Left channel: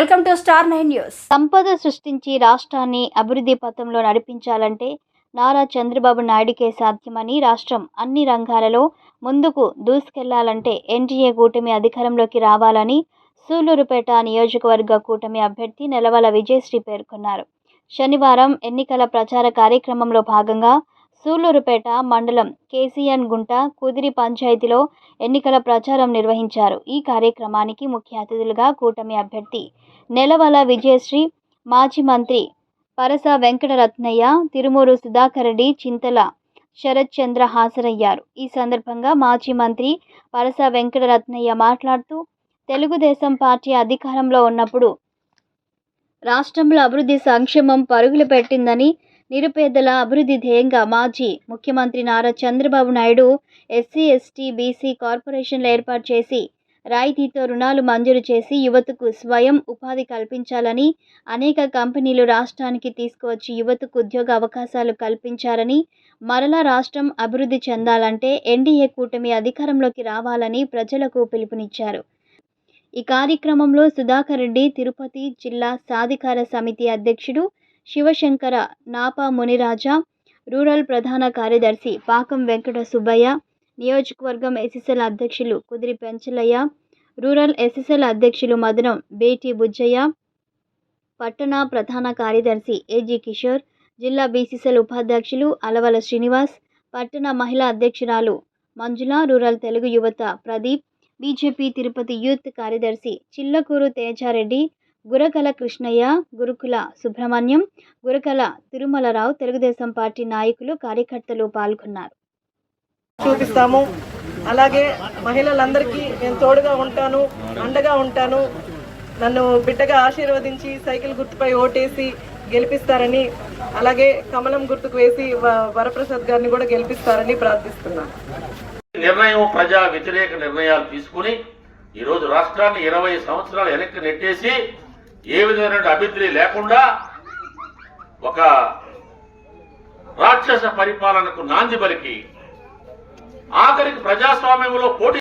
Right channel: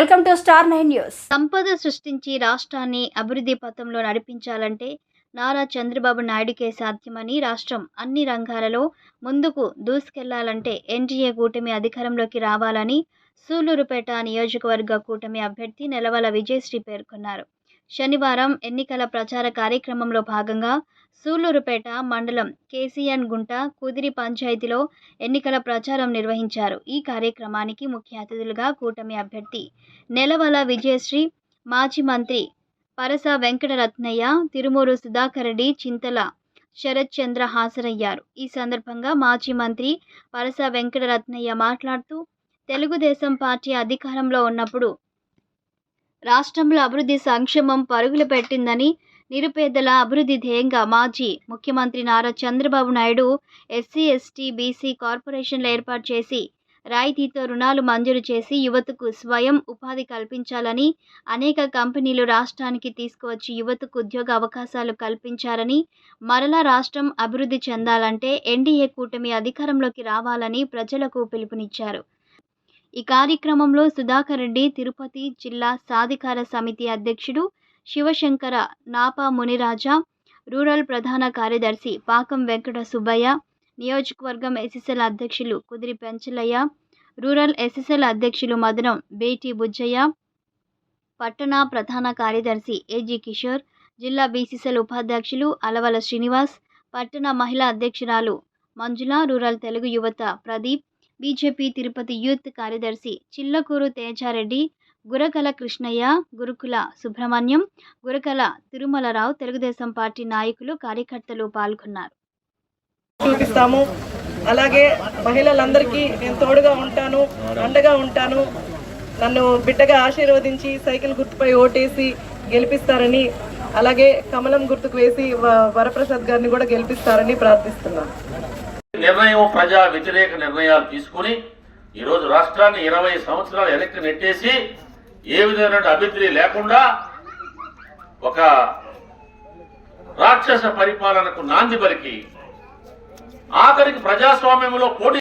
Welcome to star 9 news. సంపద సృష్టించి రాష్ట్రాన్ని అభివృద్ధి పథంలో నడిపించాలంటే నారా చంద్రబాబు నాయుడికే సాధ్యమని, రాష్ట్రం అన్ని రంగాలలో ముందుకు దూసుకెళ్లాలంటే ఎన్డీఏ కూటమి అధికారంలోకి రావాలని సూళ్లూరుపేట నియోజకవర్గ కూటమి అభ్యర్థి నెలవల విజయశ్రీ పేర్కొన్నారు. శనివారం ఎన్నికల ప్రచార కార్యక్రమంలో భాగంగా సూళ్లూరుపేట మండలం కేసీఎన్ గుంట కుదిరి పంచాయతీలో ఎన్నికల ప్రచారం నిర్వహించారు. ఈ కార్యక్రమానికి ముఖ్య అతిథులుగా కూటమి అభ్యర్థి నెలవల విజయశ్రీ, మాజీ మంత్రి పరస వెంకటరత్నయ్య, తిరుమూరు సుధాకర్ రెడ్డి, చింతల శరత్ చంద్ర హాజరయ్యారు. ఈ సందర్భంగా మాజీ మంత్రి పరస వెంకటరత్నయ్య మాట్లాడుతూ, తెలుగుదేశం పార్టీ అధికారంలో ఉన్నప్పుడు రాష్ట్రంలో అభివృద్ధి సంక్షేమం పరుగులు పెట్టిందని, నిరుపేదల అభివృద్ధి ధ్యేయంగా మాజీ ముఖ్యమంత్రి Nara Chandrababu Naidu SC, ST, BC కార్పొరేషన్లు ఏర్పాటు చేసి రాయితీతో రుణాలు మంజూరు చేసి యువతకు స్వయం ఉపాధి కల్పించాలని, అనేక కంపెనీలు రాష్ట్రానికి తీసుకువచ్చి యువతకు ఉద్యోగ అవకాశాలు కల్పించారని, మరలా రాష్ట్రం అభివృద్ధి చెందాలంటే ఎన్డీఏ కూటమి అధికారంలోకి రావాలని ప్రజలకు పిలుపునిచ్చారు. ఈ కార్యక్రమంలో సుధాకర్ రెడ్డి, తిరుపతి జిల్లా సాధికార సమితి అధ్యక్షుడు శివశంకర, నాపా మునిరాజా, రూరల్ ప్రధాన కార్యదర్శి పాకం వెంకట సుబ్బయ్య, నియోజకవర్గం ఎస్ఎస్ఎల్ అధ్యక్షులు కుదిరి పెంచలయ్య, రూరల్ ఎస్ఎస్ఎల్ అధ్యక్షులు మదనం బేటి బుజ్జయ్య, పట్టణ ప్రధాన కార్యదర్శి ఏజీ కిషోర్, జిల్లా బీసీసీఎల్ ఉపాధ్యక్షులు అలవల శ్రీనివాస్, పట్టణ మహిళా అధ్యక్షురాలు మంజుల, రూరల్ తెలుగు యువత ప్రదీప్, బీజేపీ తిరుపతి యూత్ కార్యదర్శి చిల్లకూరు తేజారెడ్డి, గురకల కృష్ణయ్య, గురుకుల సుబ్రహ్మణ్యం, గురకల తిరుమలరావు, తెలుగుదేశం పార్టీ నాయకులు, కార్యకర్తలు పాల్గొన్నారు. చూపిస్తాము. అలాగే మహిళలందరికీ నేను తోడుగా ఉంటాను, అండగా ఉంటాను. నన్ను బిడ్డగా ఆశీర్వదించి సైకిల్ గుర్తుపై ఓటేసి గెలిపిస్తారని, అలాగే కమలం గుర్తుకు వేసి వరప్రసాద్ గారిని కూడా గెలిపిస్తారని ప్రార్థిస్తున్నాను. నిర్ణయం ప్రజా వ్యతిరేక నిర్ణయాలు తీసుకుని ఈరోజు రాష్ట్రాన్ని 20 సంవత్సరాలు వెనక్కి నెట్టేసి ఏ విధమైన అభివృద్ధి లేకుండా ఒక రాక్షస పరిపాలనకు నాంది పలికి ఆఖరికి ప్రజాస్వామ్యంలో పోటీ